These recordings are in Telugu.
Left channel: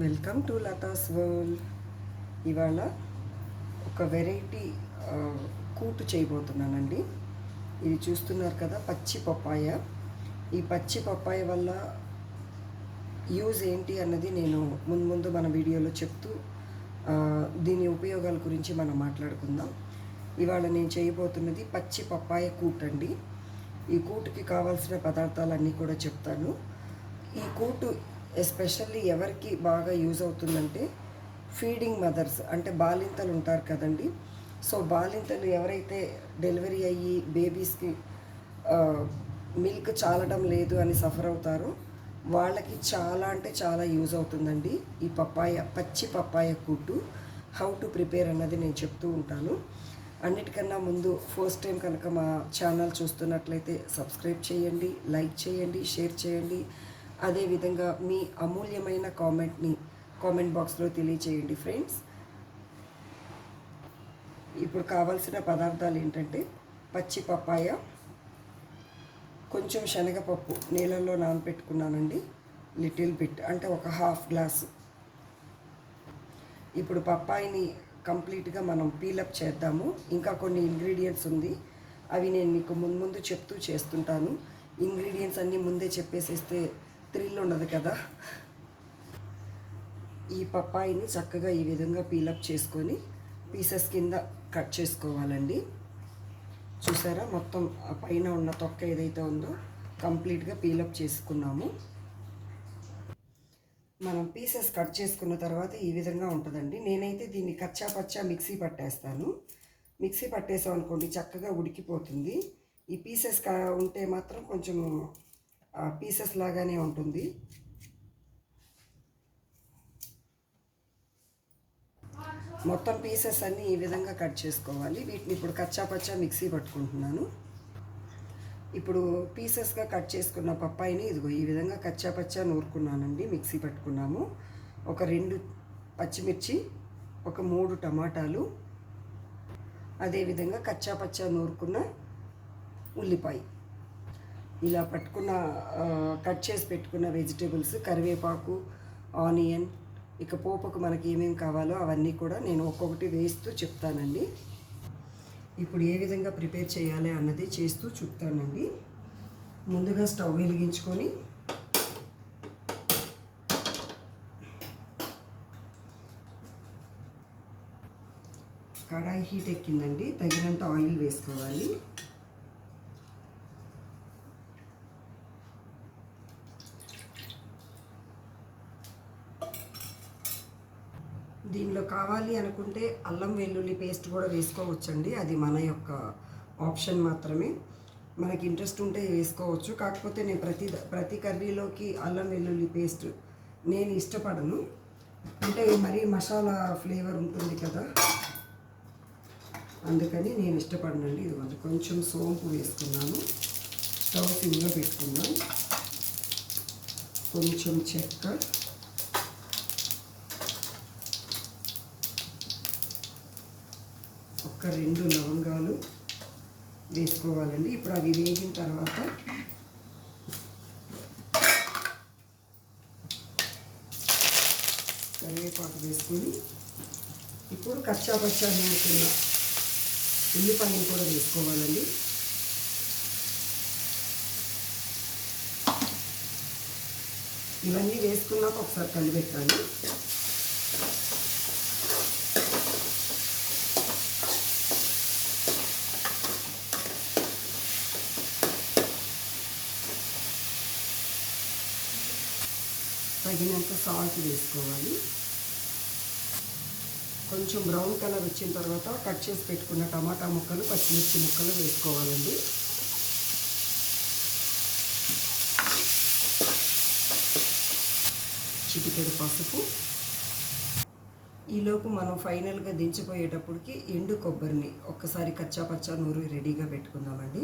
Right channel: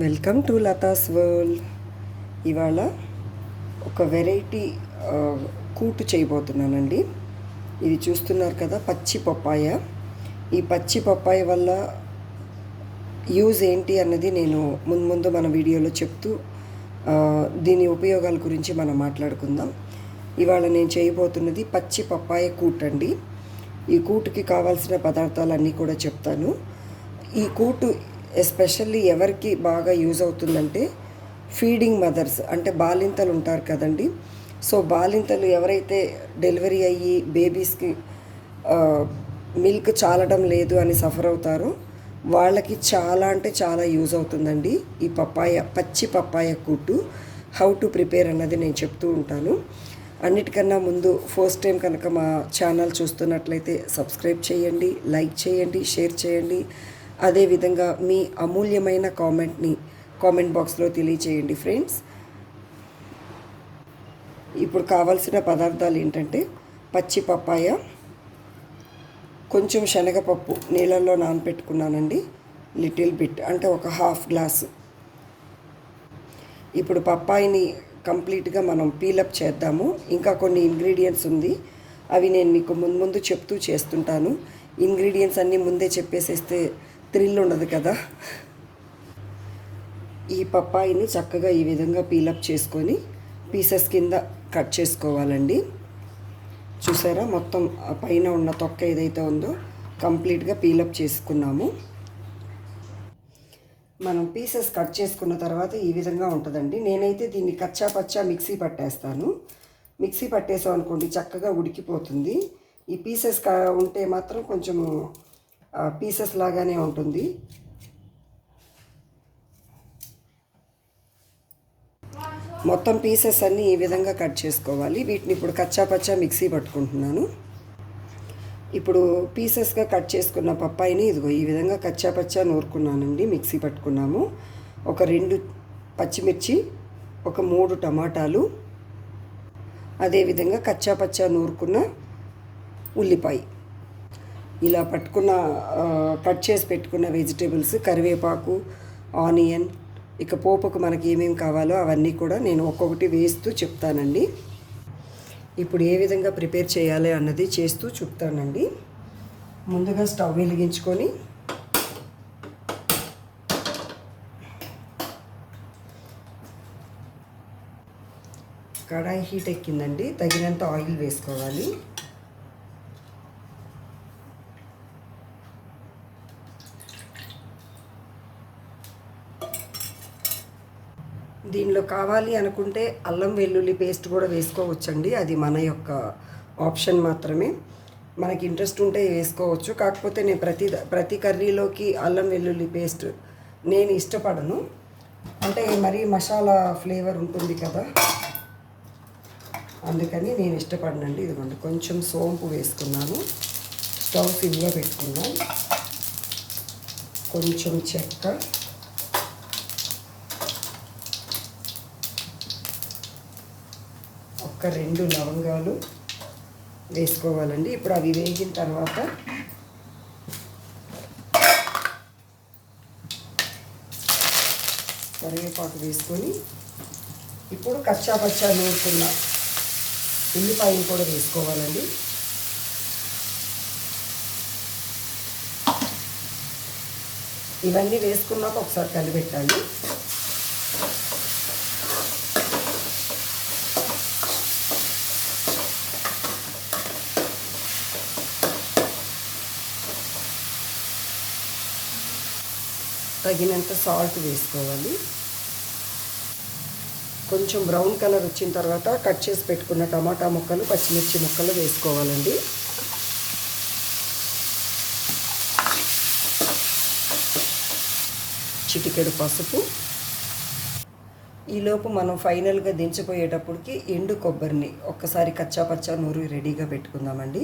Welcome to Latha's world. ఇవాళ ఒక వెరైటీ కూటు చేయబోతున్నానండి. ఇది చూస్తున్నారు కదా పచ్చి పప్పాయ. ఈ పచ్చి పప్పాయ వల్ల యూజ్ ఏంటి అన్నది నేను ముందు ముందు మన వీడియోలో చెప్తూ దీని ఉపయోగాల గురించి మనం మాట్లాడుకుందాం. ఇవాళ నేను చేయబోతున్నది పచ్చి పప్పాయ కూట్ అండి ఈ కూటుకి కావాల్సిన పదార్థాలన్నీ కూడా చెప్తాను. ఈ కూటు ఎస్పెషల్లీ ఎవరికి బాగా యూజ్ అవుతుందంటే ఫీడింగ్ మదర్స్ అంటే బాలింతలు ఉంటారు కదండి. సో బాలింతలు ఎవరైతే డెలివరీ అయ్యి బేబీస్కి మిల్క్ చాలడం లేదు అని సఫర్ అవుతారో వాళ్ళకి చాలా అంటే చాలా యూజ్ అవుతుందండి. ఈ పప్పాయ పచ్చి పప్పాయ కూటు హౌ టు ప్రిపేర్ అన్నది నేను చెప్తూ ఉంటాను. అన్నిటికన్నా ముందు ఫస్ట్ టైం కనుక మా ఛానల్ చూస్తున్నట్లయితే సబ్స్క్రైబ్ చేయండి లైక్ చేయండి షేర్ చేయండి. అదేవిధంగా మీ అమూల్యమైన కామెంట్ని కామెంట్ బాక్స్లో తెలియచేయండి ఫ్రెండ్స్ ఇప్పుడు కావాల్సిన పదార్థాలు ఏంటంటే పచ్చి పప్పాయ కొంచెం శనగపప్పు నీళ్ళల్లో నానబెట్టుకున్నానండి లిటిల్ బిట్ అంటే ఒక హాఫ్ గ్లాస్. ఇప్పుడు పప్పాయిని కంప్లీట్గా మనం పీలప్ చేద్దాము. ఇంకా కొన్ని ఇంగ్రీడియంట్స్ ఉంది. అవి నేను మీకు ముందు ముందు చెప్తూ చేస్తుంటాను. ఇంగ్రీడియంట్స్ అన్నీ ముందే చెప్పేసేస్తే థ్రిల్ ఉండదు కదా. ఈ పప్పాయిని చక్కగా ఈ విధంగా పీలప్ చేసుకొని పీసెస్ కింద కట్ చేసుకోవాలండి. చూసారా? మొత్తం ఆ పైన ఉన్న తొక్క ఏదైతే ఉందో కంప్లీట్గా పీలప్ చేసుకున్నాము. మనం పీసెస్ కట్ చేసుకున్న తర్వాత ఈ విధంగా ఉంటుందండి. నేనైతే దీన్ని కచ్చా పచ్చా మిక్సీ పట్టేస్తాను. మిక్సీ పట్టేసాం అనుకోండి చక్కగా ఉడికిపోతుంది. ఈ పీసెస్ ఉంటే మాత్రం కొంచెము పీసెస్ లాగానే ఉంటుంది. మొత్తం పీసెస్ అన్నీ ఈ విధంగా కట్ చేసుకోవాలి. వీటిని ఇప్పుడు కచ్చా పచ్చా మిక్సీ పట్టుకుంటున్నాను. ఇప్పుడు పీసెస్గా కట్ చేసుకున్న పప్పాయిని ఇదిగో ఈ విధంగా కచ్చా పచ్చా నూరుకున్నానండి. మిక్సీ పట్టుకున్నాము. ఒక రెండు పచ్చిమిర్చి ఒక మూడు టమాటాలు అదేవిధంగా కచ్చా పచ్చా నూరుకున్న ఉల్లిపాయ. ఇలా పట్టుకున్న కట్ చేసి పెట్టుకున్న వెజిటేబుల్స్ కరివేపాకు ఆనియన్ ఇక పోపుకు మనకి ఏమేమి కావాలో అవన్నీ కూడా నేను ఒక్కొక్కటి వేస్తూ చెప్తానండి. ఇప్పుడు ఏ విధంగా ప్రిపేర్ చేయాలి అన్నది చేస్తూ చెప్తానండి. ముందుగా స్టవ్ వెలిగించుకొని కడాయి హీట్ ఎక్కిందండి. తగినంత ఆయిల్ వేసుకోవాలి. దీనిలో కావాలి అనుకుంటే అల్లం వెల్లుల్లి పేస్ట్ కూడా వేసుకోవచ్చండి. అది మన యొక్క ఆప్షన్ మాత్రమే. మనకి ఇంట్రెస్ట్ ఉంటే వేసుకోవచ్చు. కాకపోతే నేను ప్రతి ప్రతి కర్రీలోకి అల్లం వెల్లుల్లి పేస్ట్ నేను ఇష్టపడను. అంటే మరీ మసాలా ఫ్లేవర్ ఉంటుంది కదా. అందుకని నేను ఇష్టపడనండి. ఇదిగోండి కొంచెం సోంపు వేసుకున్నాను. స్టవ్ సిమ్లో పెట్టుకున్నాను. కొంచెం చెక్క. ఒక రెండు లవంగాలు వేసుకోవాలండి. ఇప్పుడు అవి వేగిన తర్వాత కరివేపాకు వేసుకొని ఇప్పుడు కచ్చా పచ్చా నూరుకున్న ఉల్లిపాయలు కూడా వేసుకోవాలండి. ఇవన్నీ వేసుకున్నాక ఒకసారి కలిపెట్టాలి. తగినంత సాల్ట్ వేసుకోవాలి. కొంచెం బ్రౌన్ కలర్ వచ్చిన తర్వాత కట్ చేసి పెట్టుకున్న టమాటా ముక్కలు పచ్చిమిర్చి ముక్కలు వేసుకోవాలండి. చిటికెడు పసుపు. ఈలోపు మనం ఫైనల్గా దించిపోయేటప్పటికి ఎండు కొబ్బరిని ఒక్కసారి కచ్చా పచ్చా నూరు రెడీగా పెట్టుకుందామండి.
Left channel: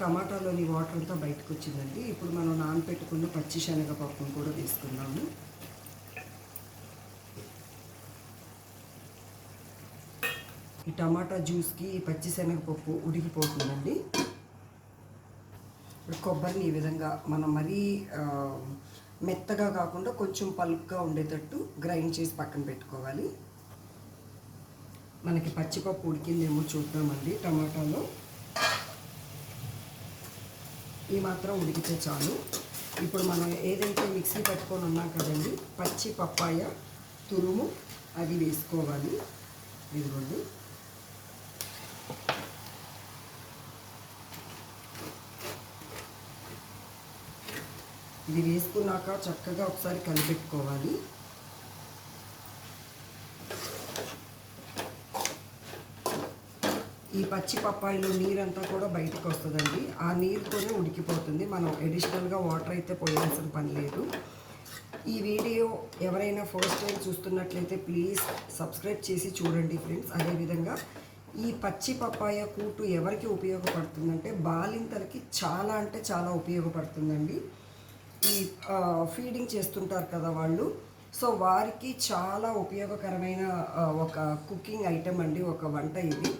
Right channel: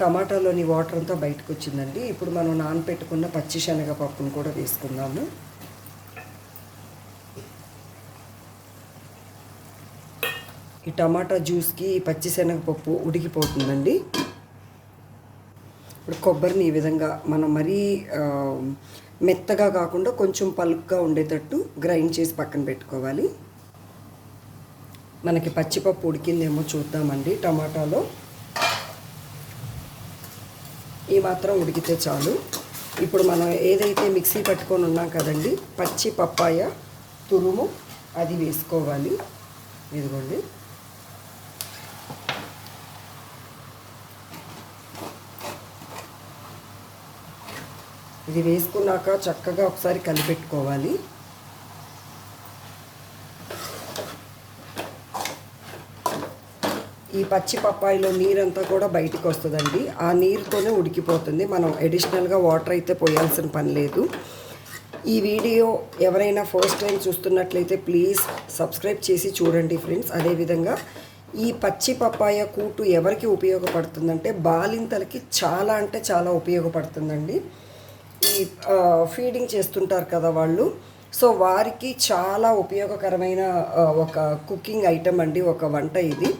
టమాటాలోని వాటర్ అంతా బయటకు వచ్చిందండి ఇప్పుడు మనం నానపెట్టుకున్న పచ్చి శనగపప్పును కూడా వేసుకుందాము ఈ టమాటా జ్యూస్కి ఈ పచ్చి శనగపప్పు ఉడికిపోతుందండి. ఇప్పుడు కొబ్బరిని ఈ విధంగా మనం మరీ మెత్తగా కాకుండా కొంచెం పలుపుగా ఉండేటట్టు గ్రైండ్ చేసి పక్కన పెట్టుకోవాలి. మనకి పచ్చిపప్పు ఉడికిందేమో చూద్దామండి టమాటాలో. ఈ మాత్రం ఉడికితే చాలు. ఇప్పుడు మనం ఏదైతే మిక్సీ పట్టుకొని ఉన్నాం కదండి పచ్చి పప్పాయ తురుము అది వేసుకోవాలి. ఇదిగోండి. ఇది వేసుకున్నాక చక్కగా ఒకసారి కలిపెట్టుకోవాలి. ఈ పచ్చి పప్పాయిలో నీరంతా కూడా బయటికి వస్తుందండి. ఆ నీరుతోనే ఉడికిపోతుంది. మనం అడిషనల్గా వాటర్ అయితే పోయాల్సిన పని లేదు. ఈ వీడియో ఎవరైనా ఫస్ట్ టైం చూస్తున్నట్లయితే ప్లీజ్ సబ్స్క్రైబ్ చేసి చూడండి ఫ్రెండ్స్ అదేవిధంగా ఈ పచ్చి పప్పాయ కూటు ఎవరికి ఉపయోగపడుతుందంటే బాలింతలకి చాలా అంటే చాలా ఉపయోగపడుతుందండి. ఈ ఫీడింగ్ చేస్తుంటారు కదా వాళ్ళు. సో వారికి చాలా ఉపయోగకరమైన ఒక కుకింగ్ ఐటమ్ అండి ఒక వంట ఇది.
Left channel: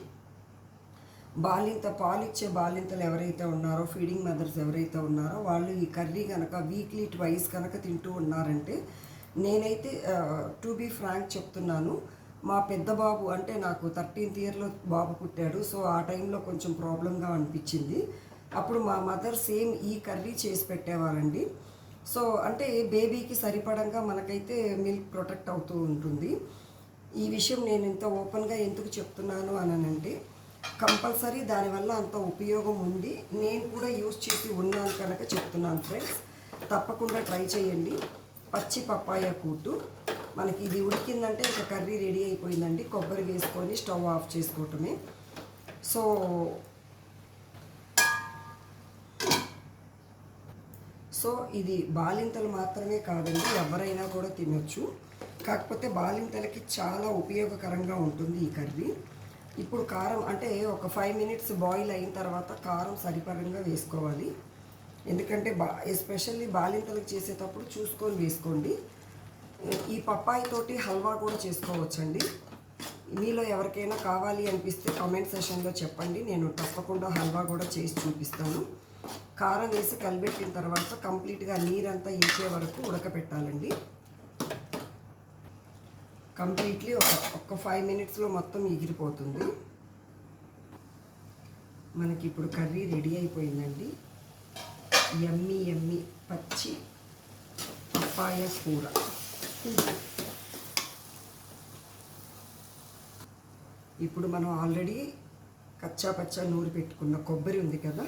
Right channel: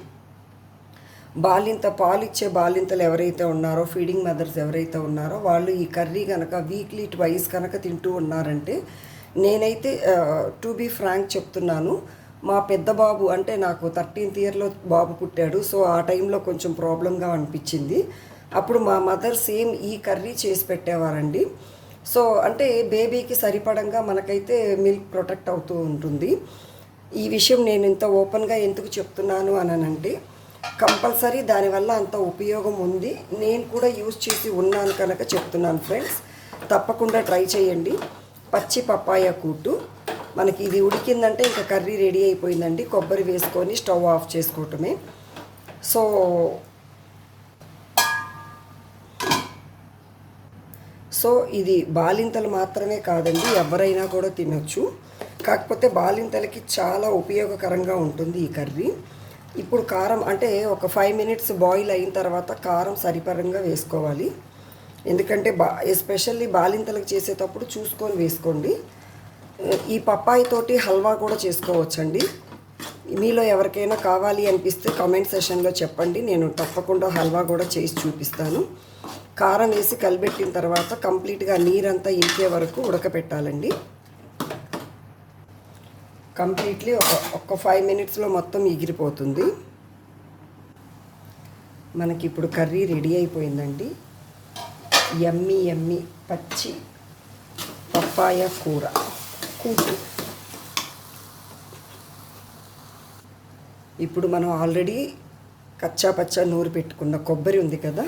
బాలింత పాలిచ్చే బాలింతలు ఎవరైతే ఉన్నారో ఫీడింగ్ మదర్స్ ఎవరైతే ఉన్నారో వాళ్ళు ఈ కర్రీ కనుక వీక్లీ ట్వైస్ కనుక తింటూ ఉన్నారంటే నేనైతే టు బీ ఫ్రాంక్ చెప్తున్నాను. మా పెద్ద బాబు అంటే నాకు థర్టీన్త్ ఇయర్లో బాబు పుట్టాడు సో ఆ టైంలో కొంచెం ప్రాబ్లంగా అనిపించింది. అప్పుడు మా మదర్ సేమ్ ఈ కర్రీ చేసి పెట్టేవారండి. సో అంటే బేబీకి సరిపడంగా మనకైతే మిల్క్ ప్రొటెక్ట్ అవుతూ ఉంటుంది. ఈ విషయం నేను ఇంత ఓపెన్గా ఎందుకు చెప్తున్నాను అనంటే కంపల్సరీ దానివల్ల అంత ఉపయోగం ఉంది. నేను కూడా యూజ్ చేసి ఉన్నాను కనుక చెప్తున్నాను ఫ్రెండ్స్. తప్పకుండా ట్రై చేయండి. పచ్చి పప్పాయ కూటు. మనకి ఇది ఉడికిందంటే ఇంకా కర్రీ రెడీ అయిపోయిందండి. కొబ్బరి వేసుకొని స్టవ్ ఆఫ్ చేసుకోవటమే. సో సో ఇది బాలింతలు మాత్రమే కాదండి ఎవరైనా కూడా తినొచ్చు. కాకపోతే బాలింతలకి చాలా ఉపయోగకరంగా ఉంటుంది ఈ కర్రీ. ఇప్పుడు కారం అంటే ఒక ఫైవ్ మినిట్స్ బాయిల్ అయిన తర్వాత కారం సరిపరంగా వేసుకోవాలి. ఎందుకంటే బా ఎస్పెషల్లీ బాలింతలకు చేసేటప్పుడు చూసుకొని వేసుకోండి. ఈ పప్పాయి తోటి హల్వా కూడా చేసుకోవచ్చండి. మీలో ఎవరికైనా కావాలి అనిపిస్తే కామెంట్ సెషన్లో చెప్పండి. నేను తప్పకుండా హల్వా కూడా చేసి చూపిస్తాను. కారం వేసి కలిపెట్టిన తర్వాత కంప్లీట్గా నీరంతా ఇంకే వరకు ఉడకపెట్టాలండి. కంప్లీట్లీ ఒక ఒక్క ఫైవ్ మినిట్స్లో మొత్తం ఎగిరిపోతుంది. మనకి ఇప్పుడు కర్రీ రెడీ అయిపోయిందండి. ఎమ్మి ఎమ్మి పచ్చి పప్పాయ కూర. కూర. ఇప్పుడు మనం ఆల్రెడీ కచ్చా పచ్చా నూరు పెట్టుకున్న కొబ్బరి ఉంది కదా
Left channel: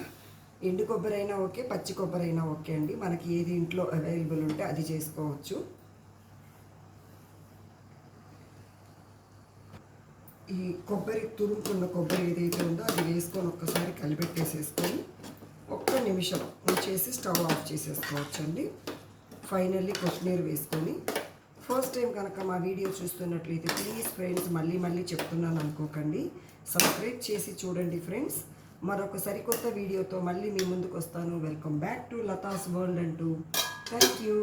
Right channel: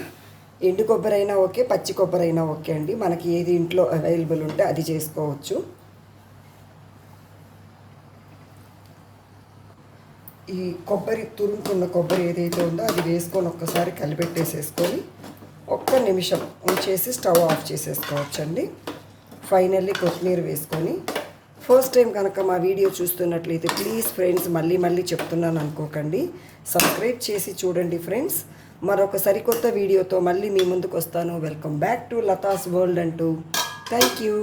ఎండు కొబ్బరి అయినా ఓకే పచ్చి కొబ్బరి అయినా ఓకే అండి. మనకి ఏది ఇంట్లో అవైలబుల్ ఉంటే అది చేసుకోవచ్చు. ఈ కొబ్బరి తురుముకున్న కొబ్బరి ఏదైతే ఉందో అది వేసుకొని ఒక్కసారి కలిపెట్టేసేసుకొని ఒక్క నిమిషం ఉంచేసి స్టవ్ ఆఫ్ చేసేసుకోవచ్చండి. ఫైనల్లీ కొత్తిమీర వేసుకొని ఫస్ట్ టైం కనుక మా వీడియో చూస్తున్నట్లయితే ప్లీజ్ ఫ్రెండ్స్ మళ్ళీ మళ్ళీ చెప్తున్నాను అనుకోకండి. సబ్స్క్రైబ్ చేసి చూడండి ఫ్రెండ్స్. మరొక సరికొత్త వీడియోతో మళ్ళీ మీ ముందుకు వస్తాను. Welcome back to Latha's world అంటూ. Thank you